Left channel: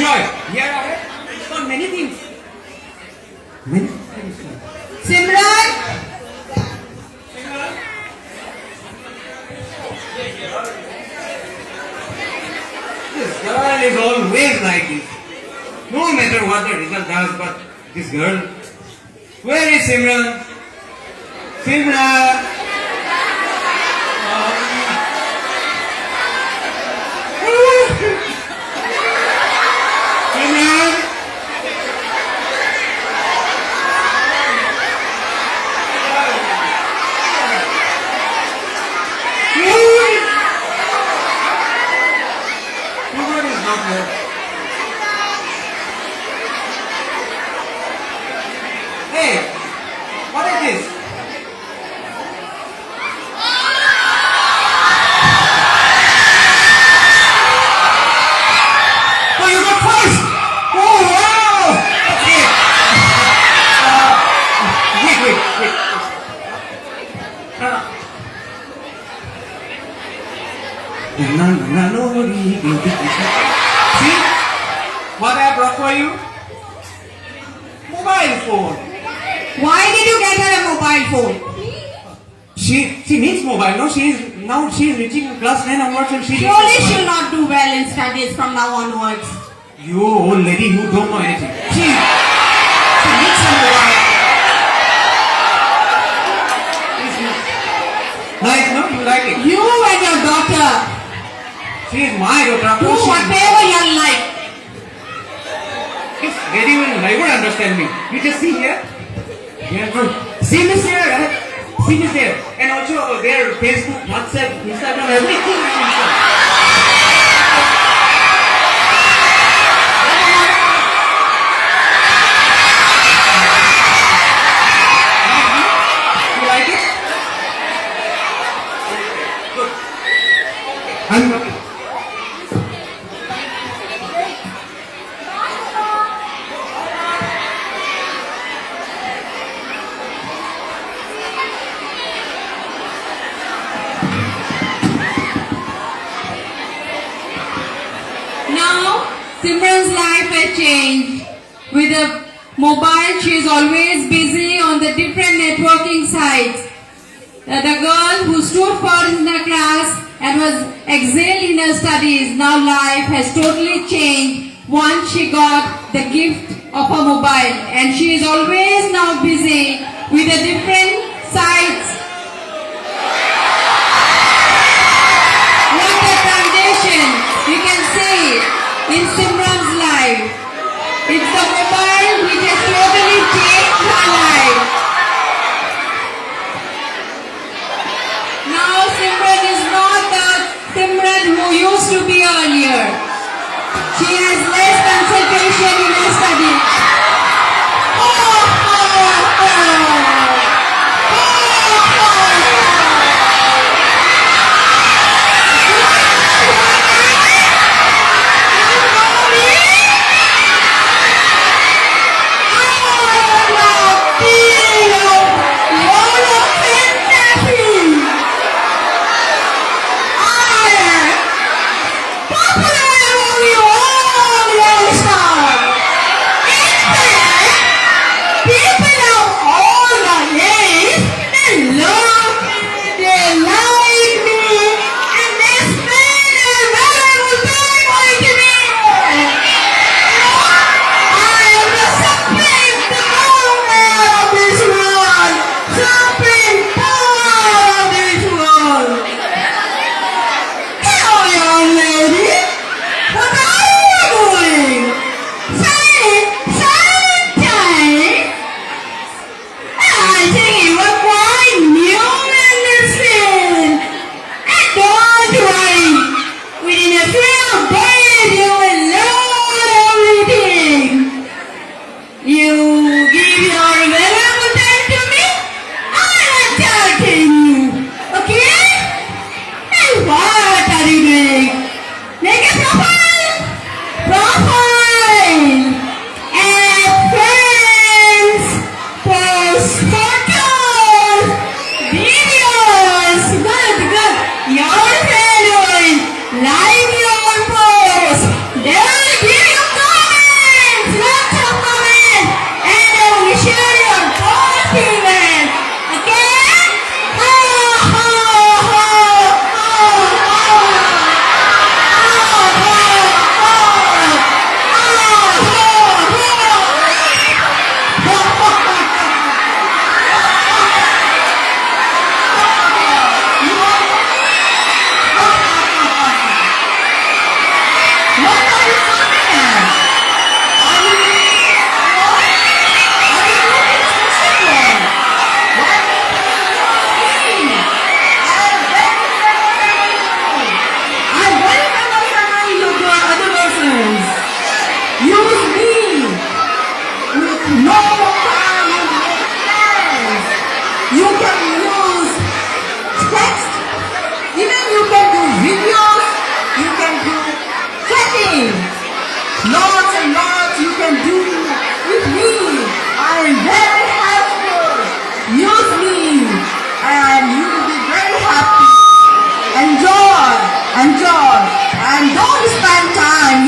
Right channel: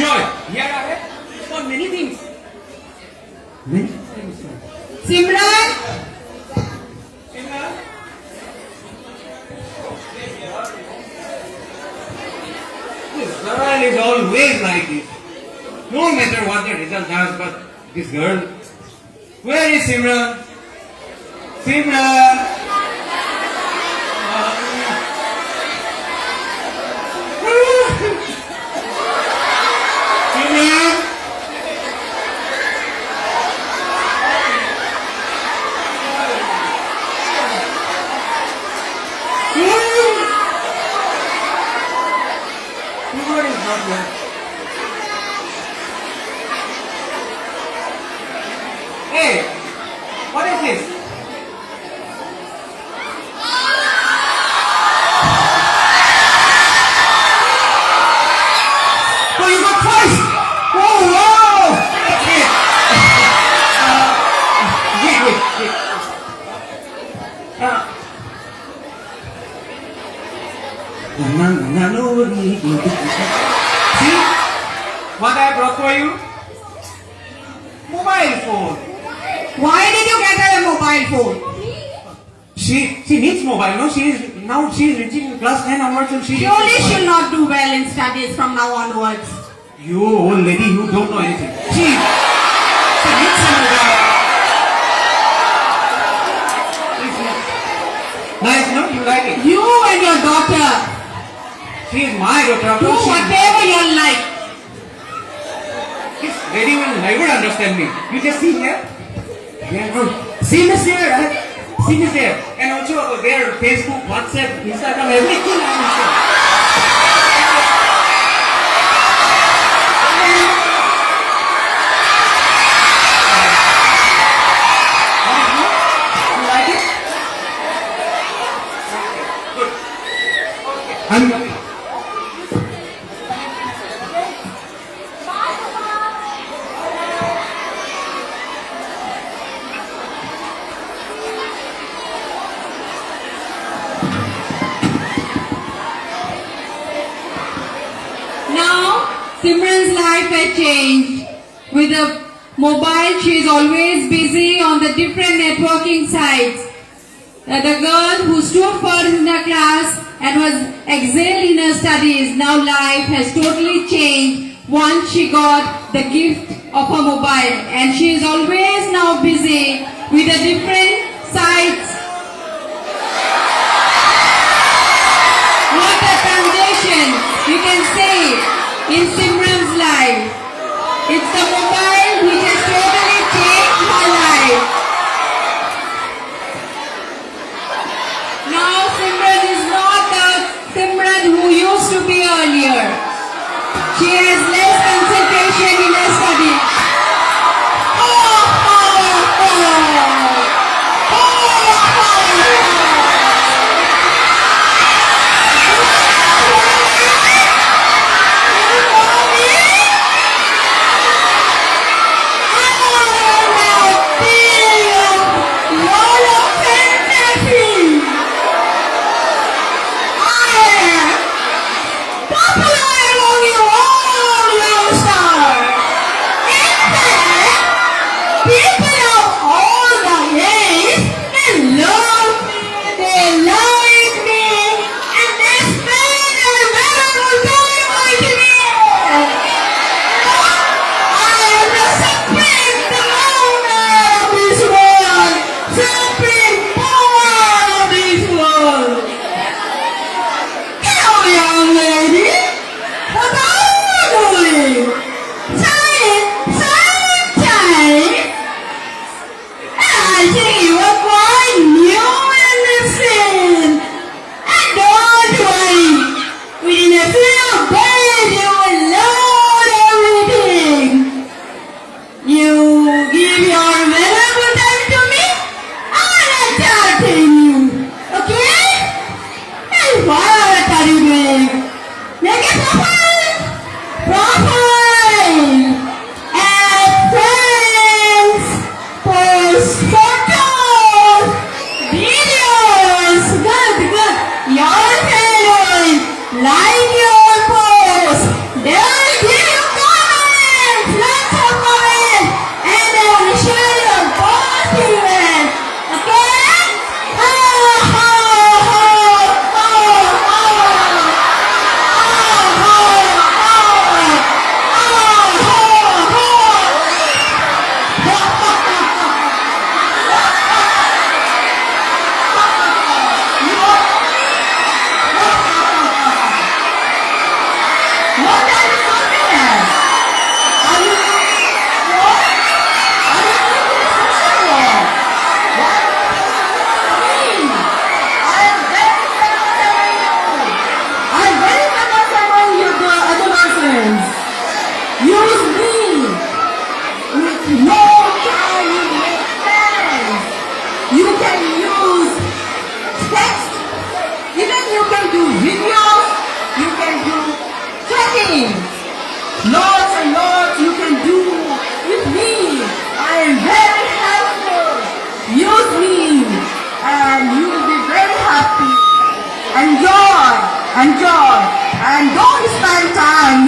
enjoy. Here are got many things. Many things. Simran, This girl is always like this. No matter what the result has, but this girl. Where is Simran? Simran! Simran! Simran is not here. Hey, what is this? Oh, you got first! Oh, wow! Okay. Wait. See what I brought for you? Mobile phone. why did you get her a mobile phone? She needs mobile. No, she is reaching class 9 onwards and she Surely needs she'll mobile. not do well in studies from now onwards. You old lady, you don't know anything. She needs some mobile. Nice, no? You like it? You and your daughter, She is my daughter. Of do course she- whatever you like. This lady will never understand me. You just see here. Yeah, good. Sim is there, right? Sim is there. And also their Facebook, WhatsApp, Instagram, everything is installed. You like it? Good. I'm coming. Now, Simran's life has changed. With a mobile, she is always busy on the different networking sites. The girl who stood first in her class and was excelled in her studies, now life has totally changed once she got the gift of her mobile. And she is always now busy with the different sites. What a transition you can see in Simran's life. It's the mobile which has totally changed her life. Now Simran is not the Simran who used to be earlier. She has less concentration in her studies.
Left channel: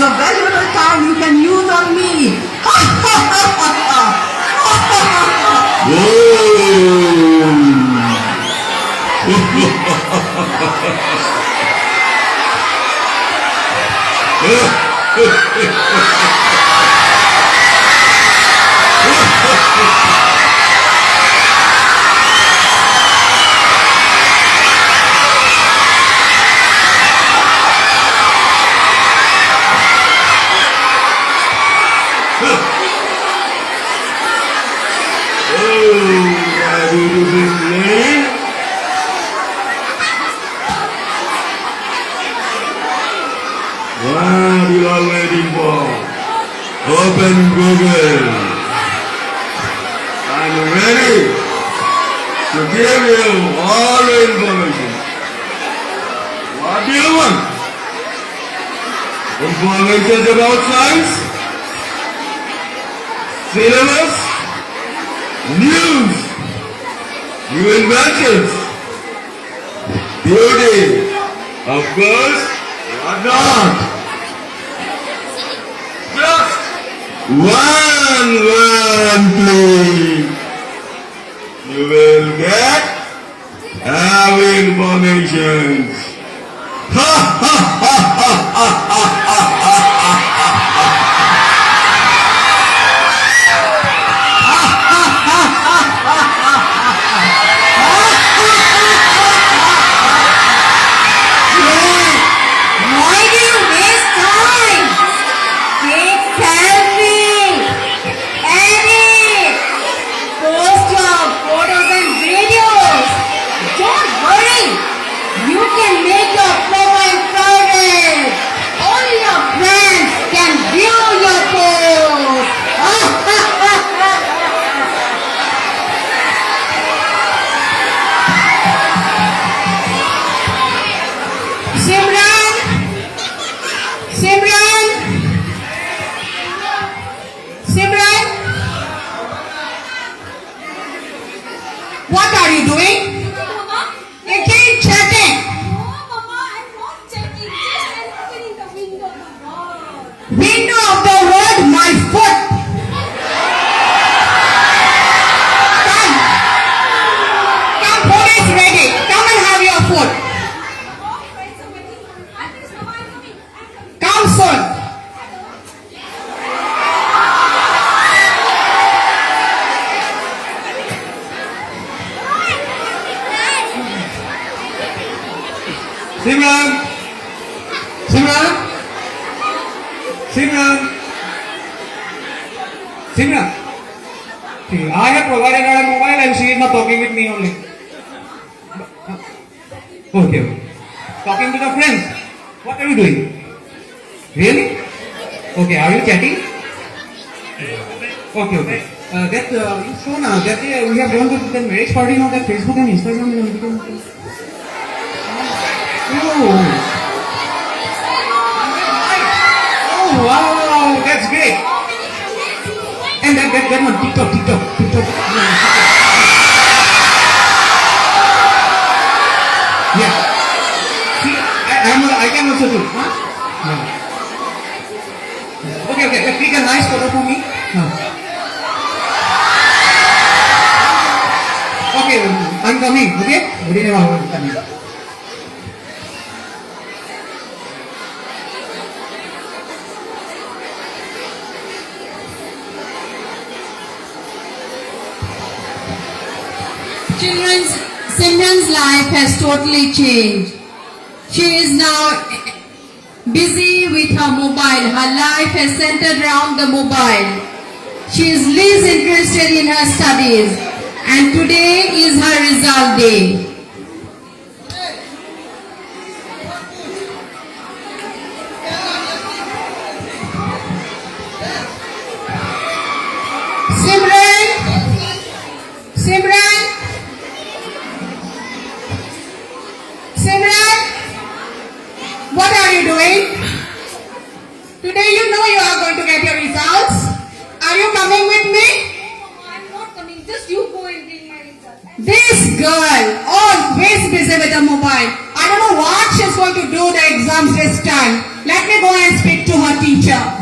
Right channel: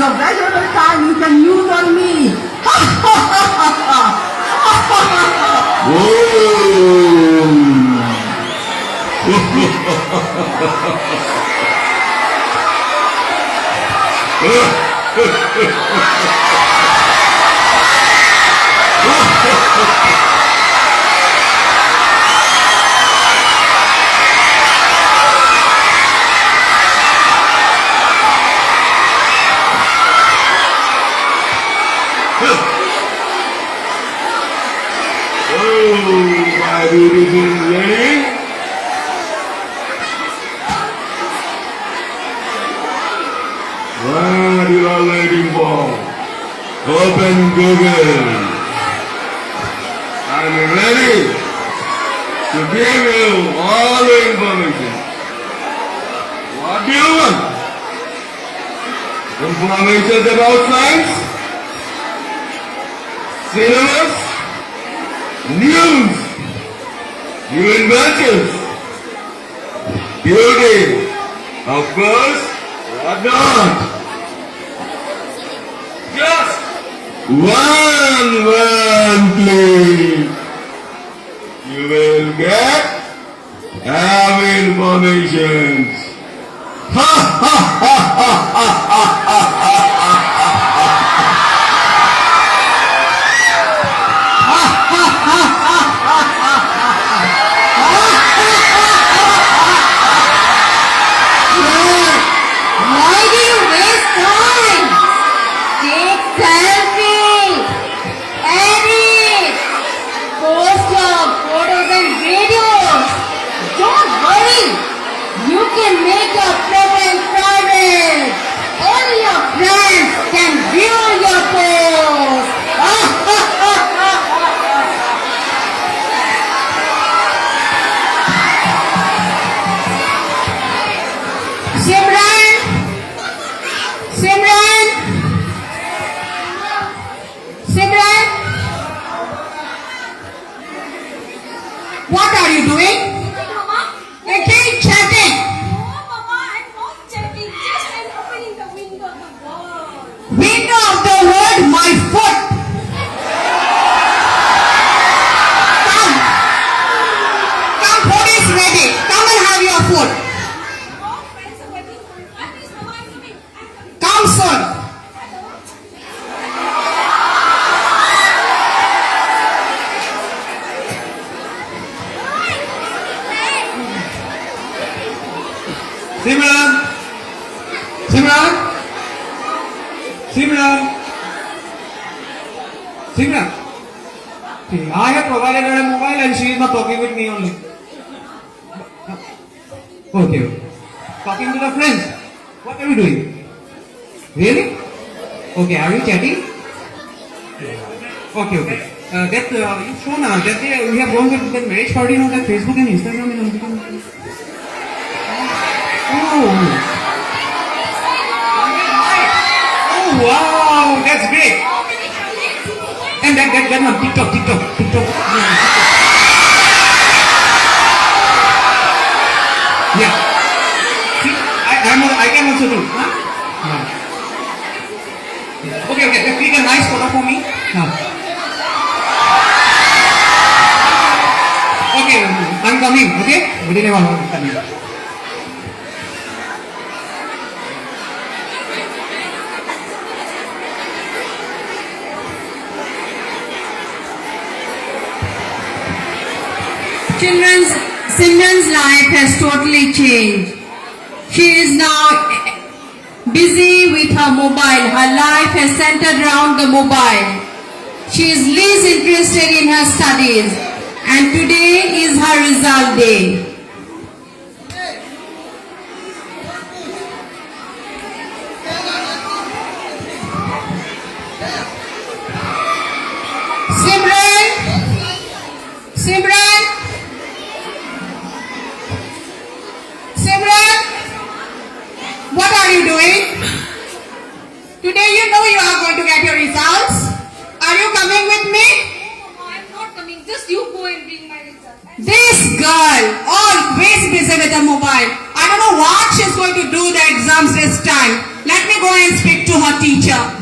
your valuable time you can use on me. My beautiful lady. What you are waiting for? Open Google. I'm ready to give you all the information. What do you want? Information about science? Syllabus? News? New inventions? Beauty? Of course, what not? Just one please. You will get every information. Ha ha ha ha ha ha ha. Why do you waste time? Take selfie, edit, post your photos and videos. Don't worry, you can make your profile private. Only your friends can view your post. Simran, Simran, Simran, what are you doing? Mama? Again chatting. No, Mama, I'm not checking. Just I'm opening the window of the wall. Window of the world, my foot. Come, food is ready. Come and have your food. All friends are waiting for me. Please, Mama, I'm coming. I'm coming. Come soon. Simran! Simran! Simran! Simran! See, I have provided her a mobile and she is not talking with me only. Okay. Talking to the friends. What are you doing? Really? Okay, are you chatting? Okay. You show now that we have gone to that marriage party on that Facebook and Instagram and everything. Oh wow, that's great. And that one, TikTok. Yeah. See, I can also do. Huh? Yeah. Okay. Click a nice photo for me. Huh. Okay, I'm coming. Okay. Within a while, I'm coming. Simran's life has totally changed. She is now busy with her mobile. Her life has centered around the mobile. She is least interested in her studies. And today is her result day. Simran, what are you doing? Today you know you are going to get your results. Are you coming with me? Mama, I'm not coming. Just you go and bring my result. This girl, always busy with the mobile. I don't know what she's going to do the exams this time. Let me go and speak to her teacher.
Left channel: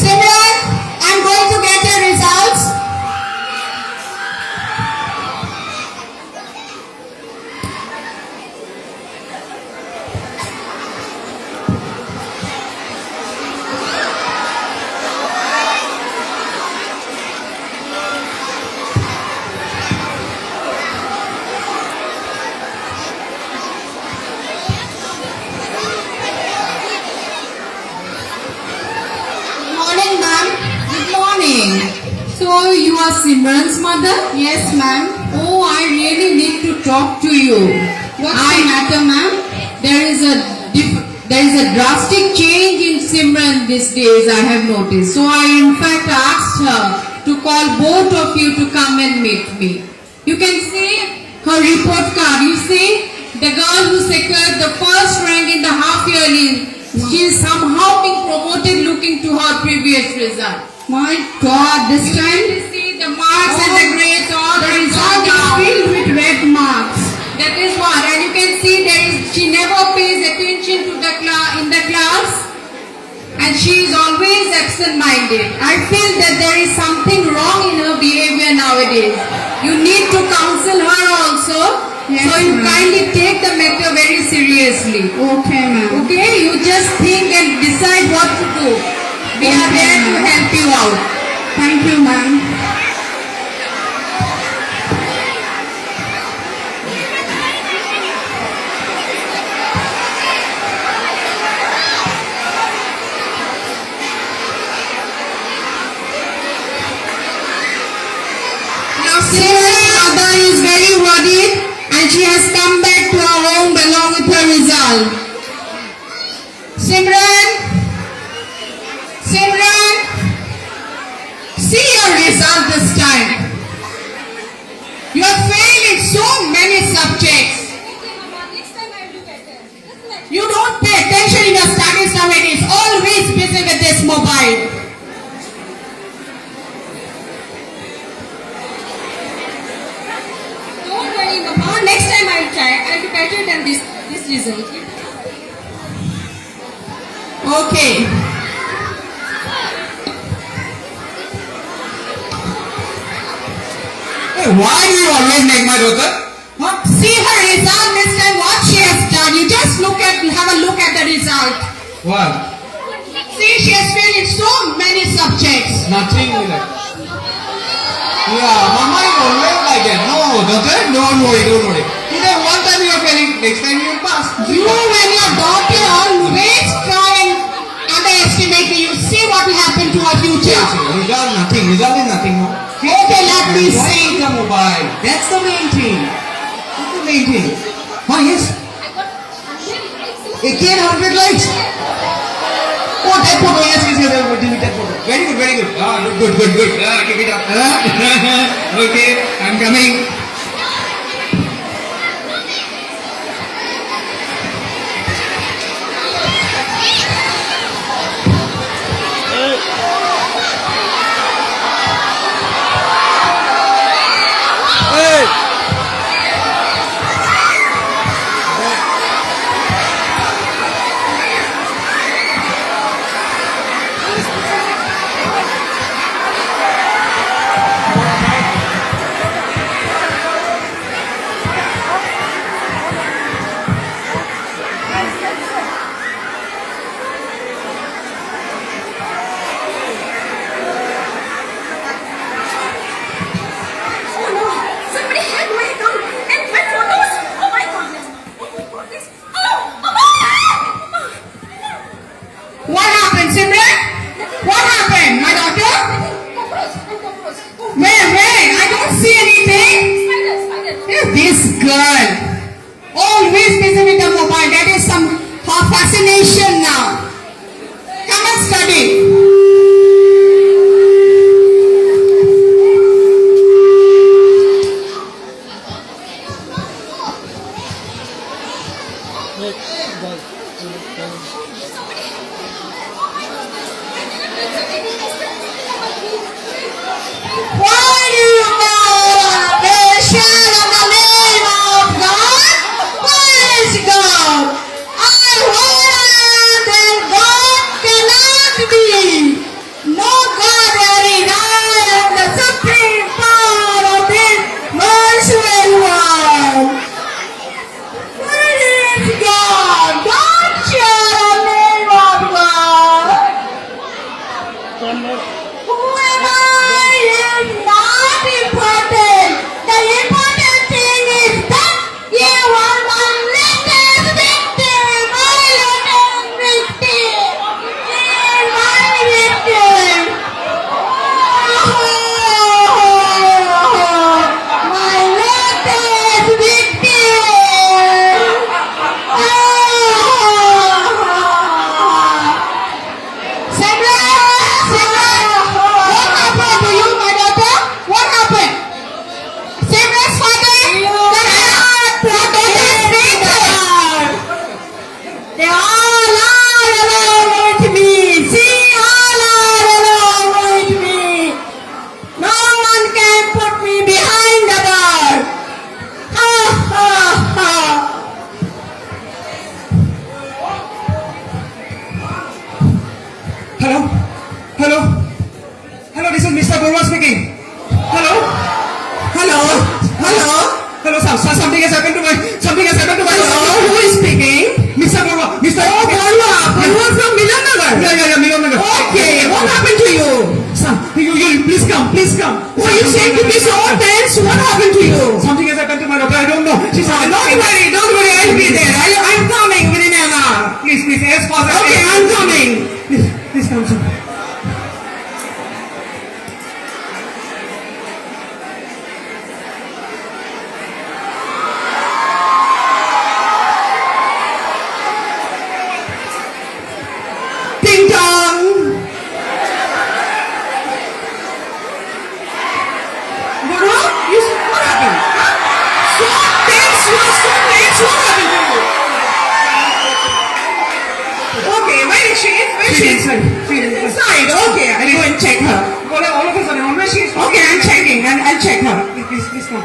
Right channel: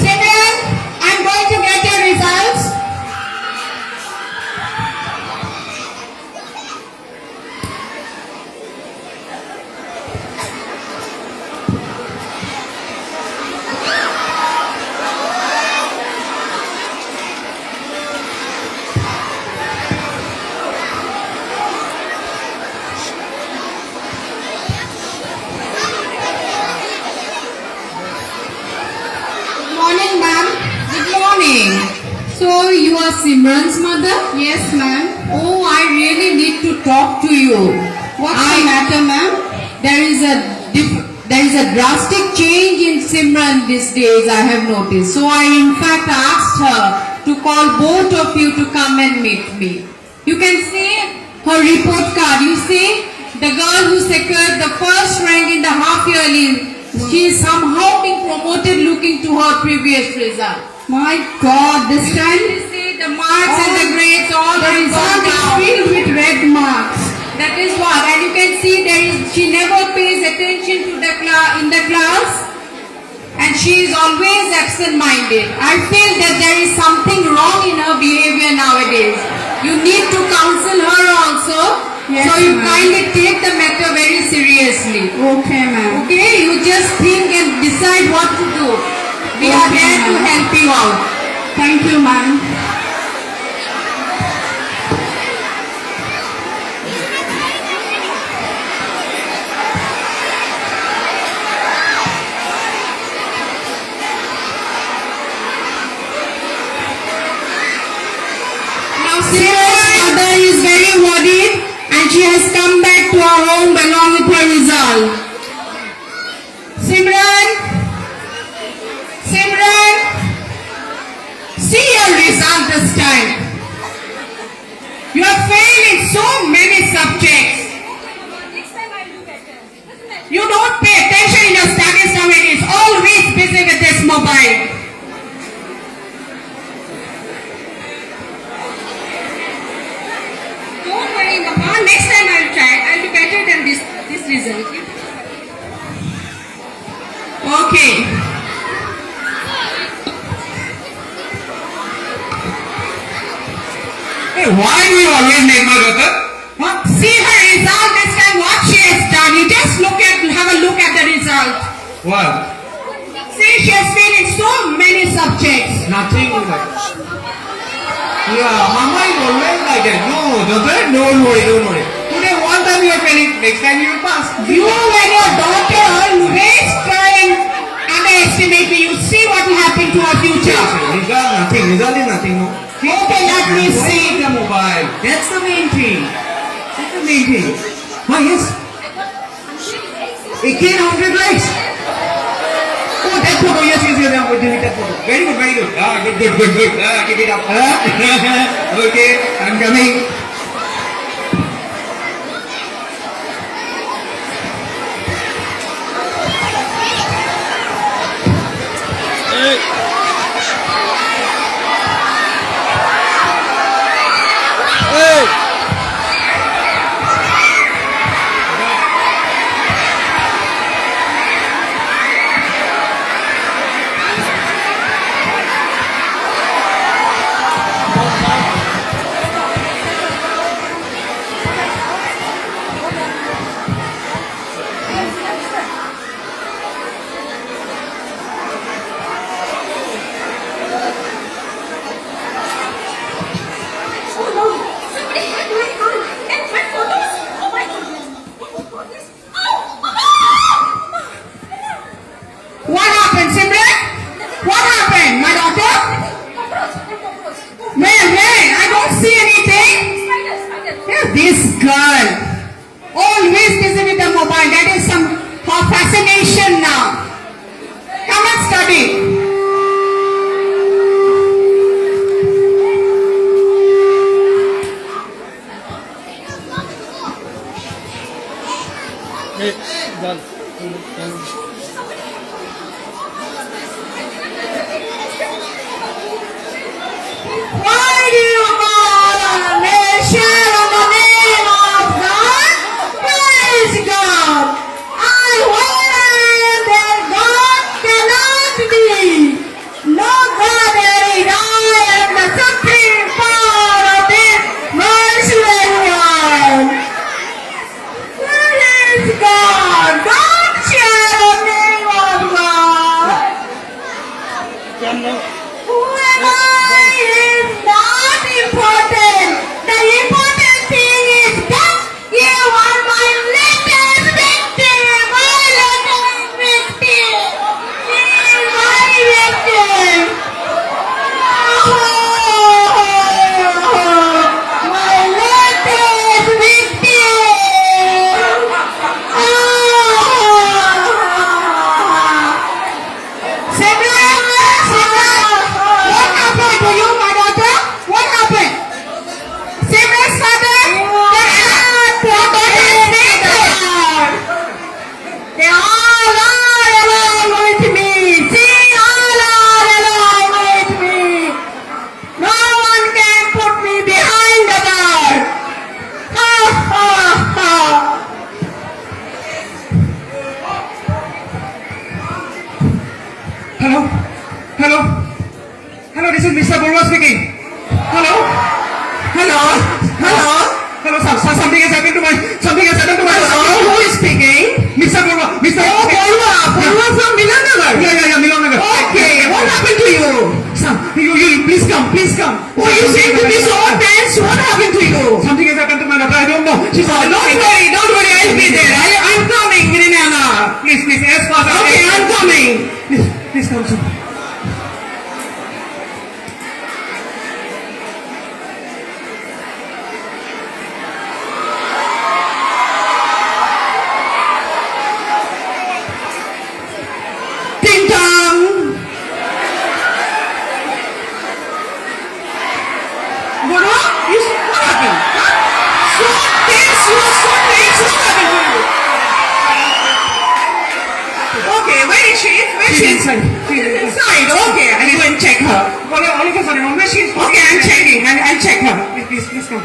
Simran, I'm going to get your results. Good morning, ma'am. Good morning. So you are Simran's mother? Yes, ma'am. Oh, I really need to talk to you. What's the matter, ma'am? There is a drastic change in Simran these days, I have noticed. So I in fact asked her to call both of you to come and meet me. You can see her report card. You see the girl who secured the first rank in the half yearly. She is somehow being promoted looking to her previous result. My God, this time you see the marks and the grades all the result is filled with red marks. That is what, and you can see she never pays attention to in the class, and she is always absent-minded. I feel that there is something wrong in her behavior nowadays. You need to counsel her also. Yes, so you ma'am. kindly take the matter very seriously. Okay, ma'am. Okay, you just think and decide what to do. We are Okay, there to ma'am. help you out. Thank you, ma'am. Now Simran's mother is very worried and she has come back to her home along with her result. Simran, see your result this time. You have failed in so many subjects. Okay, Mama, next time I'll do better. Doesn't matter. You don't pay attention in your studies nowadays. Always busy with this mobile. Don't worry, Mama. Next time I'll try. I'll do better than this result. Okay. Hey, why do you always make my daughter? What? See her result this time. What she has done. You just have a look at the result. What? See, she has failed in so many subjects. Nothing with that. Yeah, Mama is always like that. No, daughter, don't worry. Today one time you are failing, next time you will pass. You and your daughter always try and underestimate me. You see what will happen to our future. Result is nothing, no. Okay, let me see. The mobile. That's the main thing. Why, yes. I got 100 likes. Again 100 likes. Oh, that photo. Yes. Delete that photo. Very good. Ah, good. Keep it up. Okay, I'm coming. Why do you call a nation in the name of God? Where is God? And where then God cannot be. No God there is. I am the supreme power of this merciless world. Where is God? Don't share the name of God. Who am I is not important. The important thing is that you are my latest victim. My latest victim. She is my victim. My latest victim. Simran, what happened to you, my daughter? What happened? Simran's father, they all are along with me. See, all are along with me. No one can put me behind the door. Ha ha ha. Hello? Hello? Hello, this is Mr. Borwa speaking. Hello? Hello? Hello? Hello, sir. Sir, something has happened to my... Hello, who is speaking? Mr. Borwa. Mr. Oh, Borwa from Milan Nagar. Yeah, Milan Nagar. Okay, what happened to you? Sir, you please come. Oh, you seem to be so tense. What happened to you? Something has happened to my daughter. I don't know. She's Don't worry, I'll be there. I'm coming within an hour. Please, yes, father. Okay, I'm coming. Please come, sir. Ding dong. What happened? Huh? So tense, you're so tense. What happened to you? Okay, where is she? She's inside. She's inside. Okay, I'll go and check her. All of a sudden, where she is? Okay, I'm checking. I'll check her. Please come.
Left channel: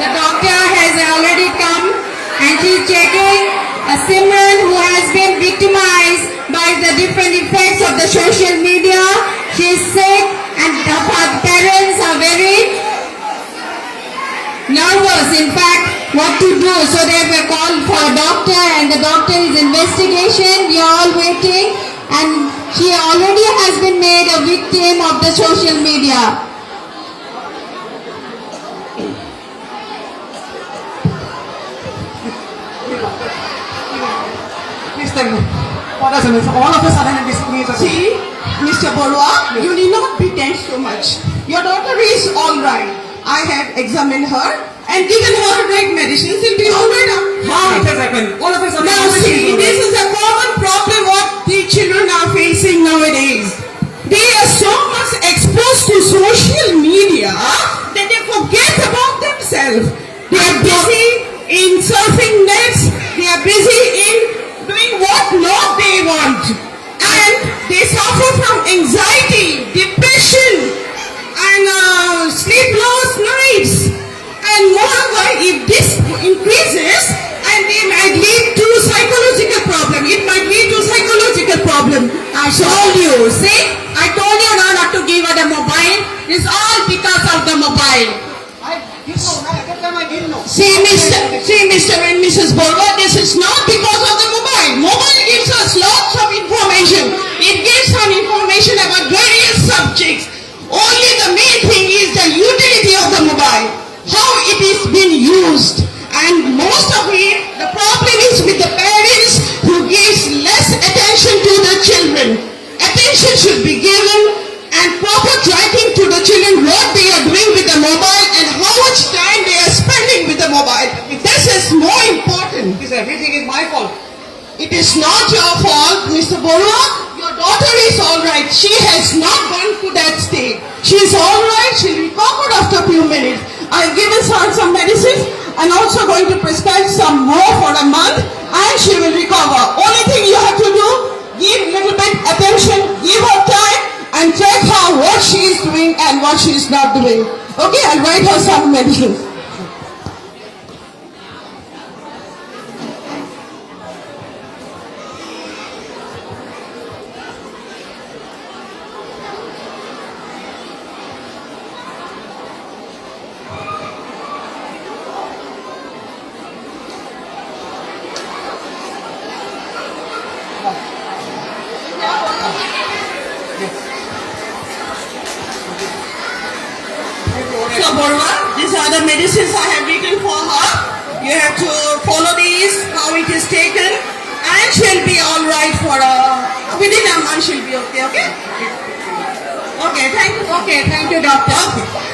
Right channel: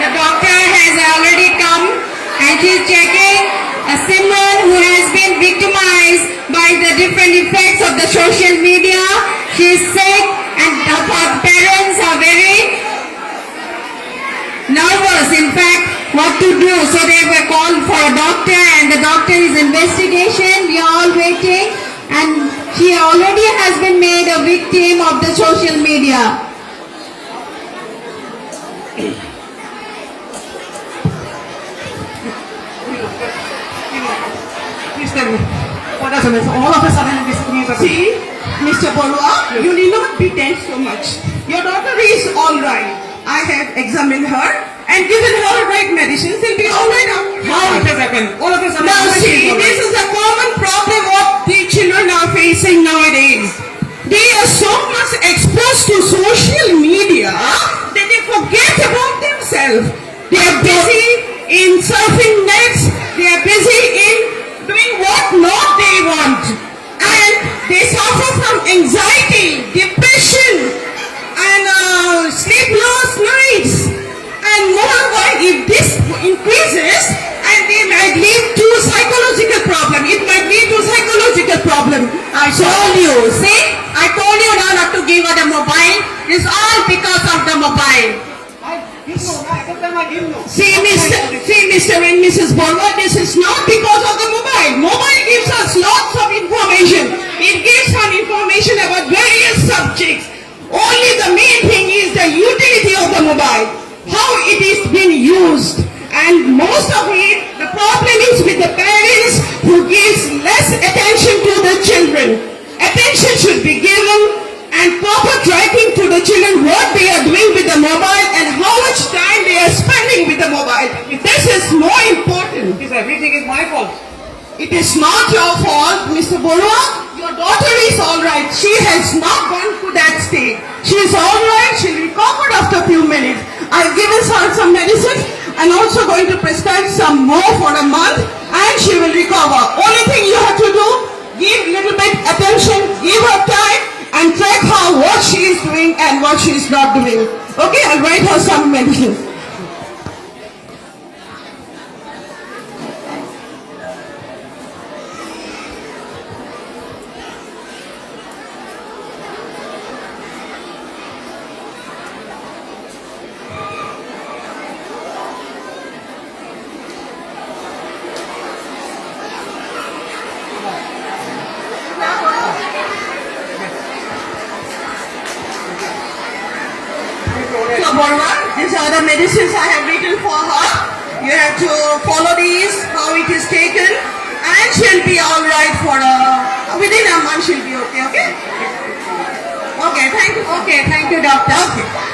The doctor has already come and she's checking a Simran who has been victimized by the different effects of the social media. She is sick and her parents are very nervous, in fact, what to do. So they have called for a doctor and the doctor is investigation. We are all waiting and she already has been made a victim of the social media. Please tell me. What has happened? All of a sudden, this news has happened. See, Mr. Borwa, you need not be tense so much. Your daughter is all right. I have examined her and given her right medicines. She'll be all right now. How it has happened? All of a sudden. Now see, this is a common problem what the children are facing nowadays. They are so much exposed to social media that they forget about themselves. They are busy in surfing nets. They are busy in doing what not they want. And they suffer from anxiety, depression, and sleepless nights. And moreover, if this increases, and they might lead to psychological problem. It might lead to psychological problem. I told you, see? I told you now not to give her the mobile. It's all because of the mobile. See, Mr. and Mrs. Borwa, this is not because of the mobile. Mobile gives us lots of information. It gives some information about various subjects. Only the main thing is the utility of the mobile, how it is being used. And most of it, the problem is with the parents who gives less attention to the children. Attention should be given and proper tracking to the children what they are doing with the mobile and how much time they are spending with the mobile. This is more important. Everything is my fault. It is not your fault, Mr. Borwa. Your daughter is all right. She has not gone to that state. She is all right. She'll recover of a few minutes. I've given her some medicines and also going to prescribe some more for a month, and she will recover. Only thing you have to do, give little bit attention, give her time, and check her what she is doing and what she is not doing. Okay, I'll write her some medicine. So, Borwa, these are the medicines I have written for her. You have to follow these, how it is taken, and she'll be all right for within a month she'll be okay, okay? Okay, thank you. Okay, thank you, doctor. Okay.